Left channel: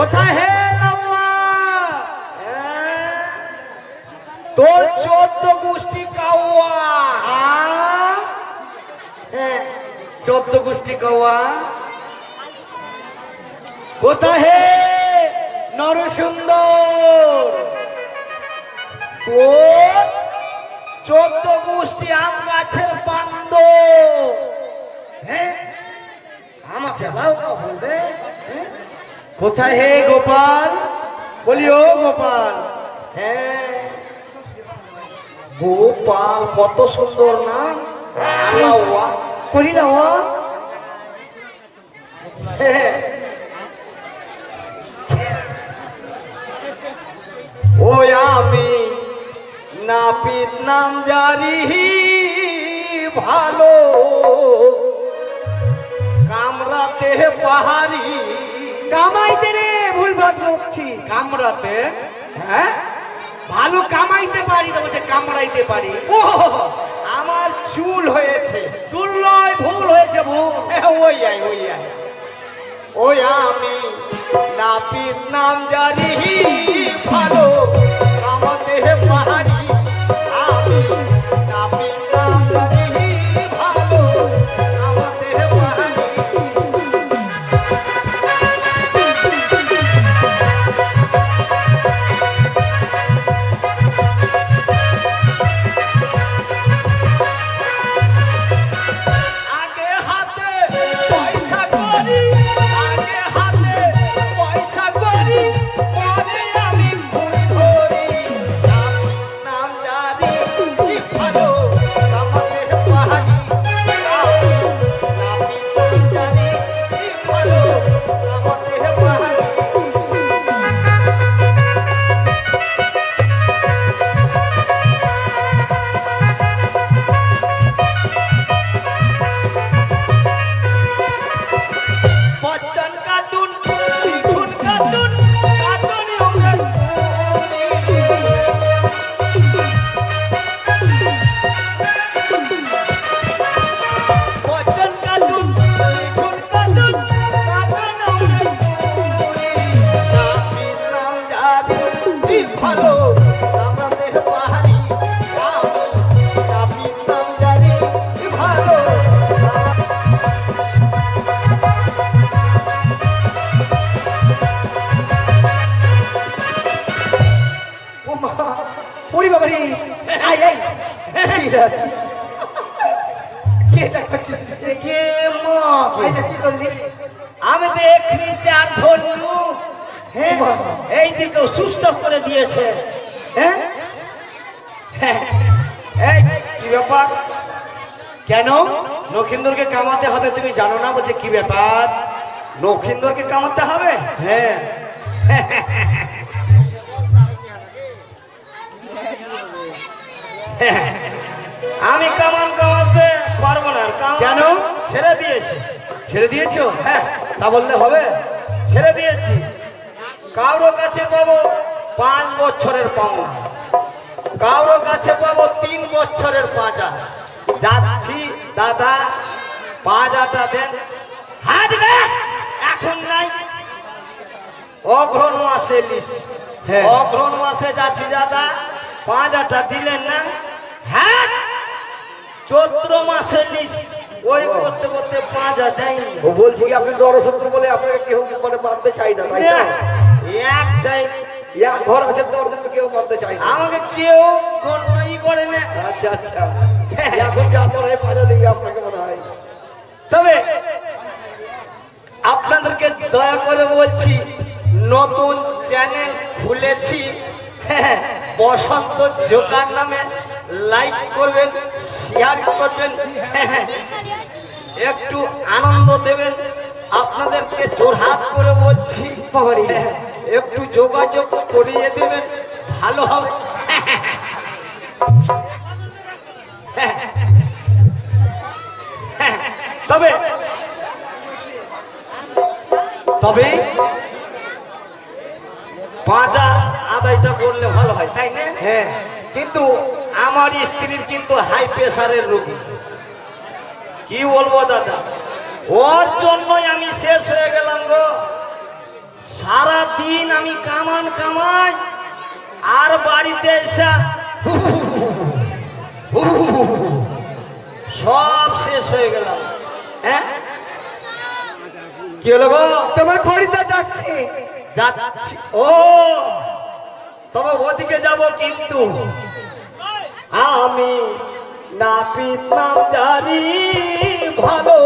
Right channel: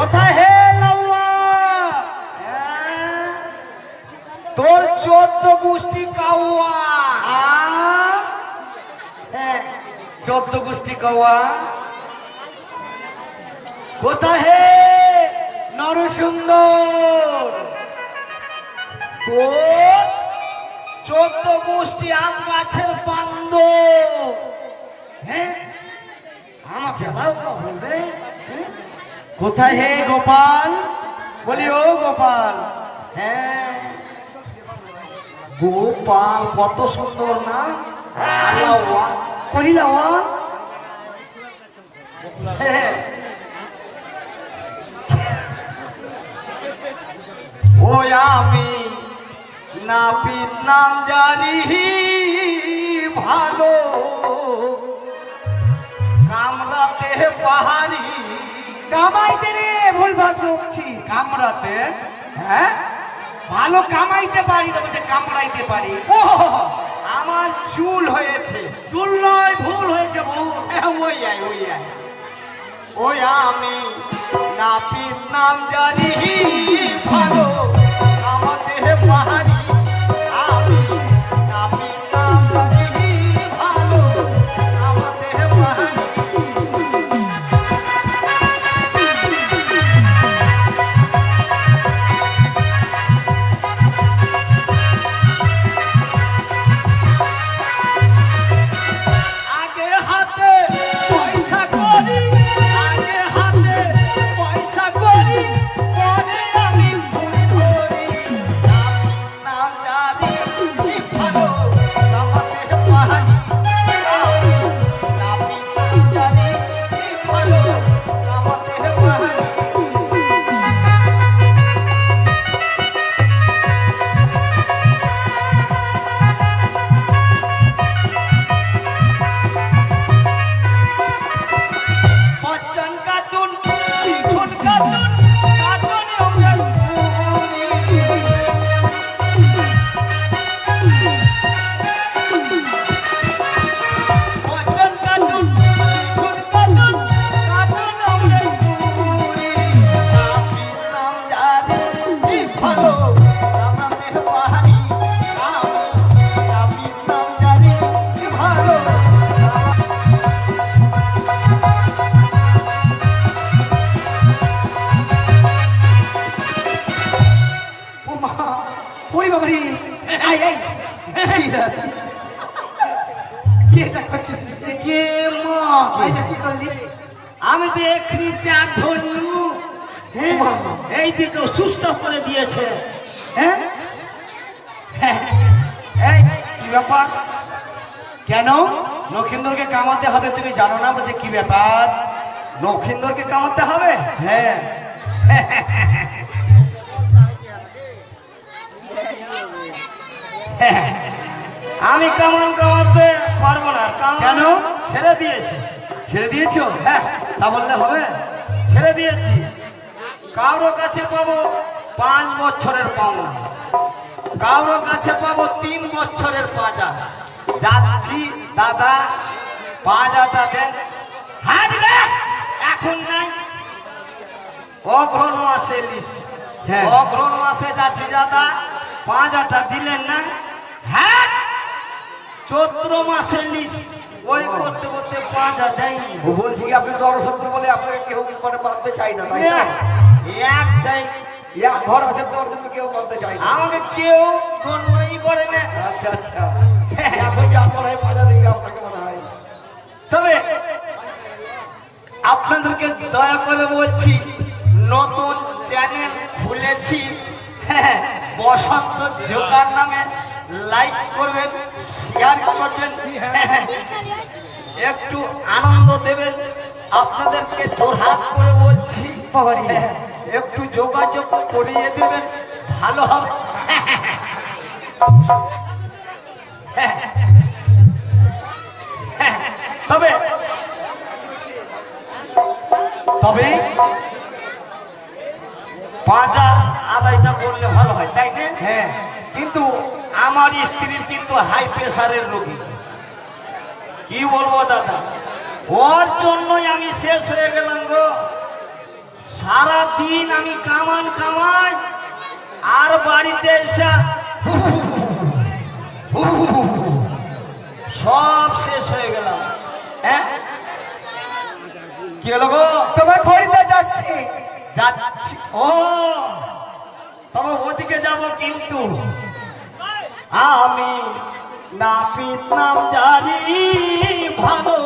কোথায় হে হ্যাঁ। তোর চোদ্দ গোষ্ঠী কাউয়া। হ্যাঁ, চোদ্দ গোষ্ঠী কাউয়া। কোথায় হে নরসুন্দর তোর চোদ্দ গোষ্ঠী আম গাছের পান্দ হ্যাঁ আমাকে লাউ বলবে। হ্যাঁ। কোথায় হে গোপাল? বলি, ও গোপাল হ্যাঁ। গোপাল, কত সুন্দর না? করি হ্যাঁ। ও আমি নাপিত নাম জানি ভালো। কামরাতে পাহাড়ি কামাইতে রে, ভুল ভাগ করছি কামড়াতে হ্যাঁ? ভালো কামাইতে পারি তো বলছে কামড়াইতে পারি। ও আমার চুল হয়েছে। চুল নয়, ভুল হয়েছে, ভুল। ওই আয় ওই আয়। ওই আমি নাপিত নাম জানি। আমি তো এক্ষুনি চার ধরলু হ্যাঁ এই দিকে সুস্থ করে দিয়েছে। হ্যাঁ? এই কি ব্যাপার? কেন? লক্ষিন্দরকে কামাতে হবে তুমি জানো না বলছে কি ব্যাপার? লক্ষিন্দরকে কামাতে হবে? হ্যাঁ। আমি কামান কামাতে পারব না কেন? ছেড়ে দিয়েছি। ছেড়ে দিয়েছ? হ্যাঁ। তা বললে হবে। ছেড়ে দিয়েছি। কারও কাছে পাবো পাঁচ বছরের পাওনা। কারও কাছে পাবো তিন বছরের পাঁজা যাচ্ছি দাদা পাঁজাটা দেন। হাঁটবে? এখন নাই। অঘ্রণ মাসে হ্যাঁ। অঘ্রণ মাসে যাচ্ছি দাদা। পাঁজাটা দিলেন না? হ্যাঁ? চৈত্র মাসের লিস ওই করতে করতে পাঁজা দেয়নি। ও বলছি কি আপনি দরসত্র বলে আপনাকে কেউ মানে মানতে চাই না তাই? এক ঘর আছে তোর জন্য কেউ চাই আমাকে কেউ গণ্যই করে না। আচ্ছা আচ্ছা। এখন যা মনে পাজা দিকে আপনাকে মনে হয়। তবে আপনাদেরকে দয়া করে বলছি নতুন চ্যানেল খুলেছি। হ্যাঁ, বসন্ত জোকার নামে লাইক করবেন শেয়ার করবেন। হ্যাঁ, একটু আনন্দ দেবেন। আপনাদেরকে জোরহাত করে বলছি। হ্যাঁ, একটু যোগাযোগ করিয়ে দেবেন ভালো হবে। তবে তবে পাঁচা আদায়টা করলে ভালো হয় তাই না? হ্যাঁ। কিন্তু আমার স্ত্রীর কিন্তু হাই প্রেসারের রোগী। কি বলব দাদা? ওর জন্যই আমি শেষ হয়ে গেলাম গো। সারা দিন আমি কামান কামাই আর বাড়িতে এসে সব শেষ হয়ে গেলাম। হ্যাঁ কি হলো গো? তোমার খরিদ্দার ডাকছে যাচ্ছি। ও, তবে ওদিকে যাব কিন্তু। আমি নাপিত নাম জানি, ভালো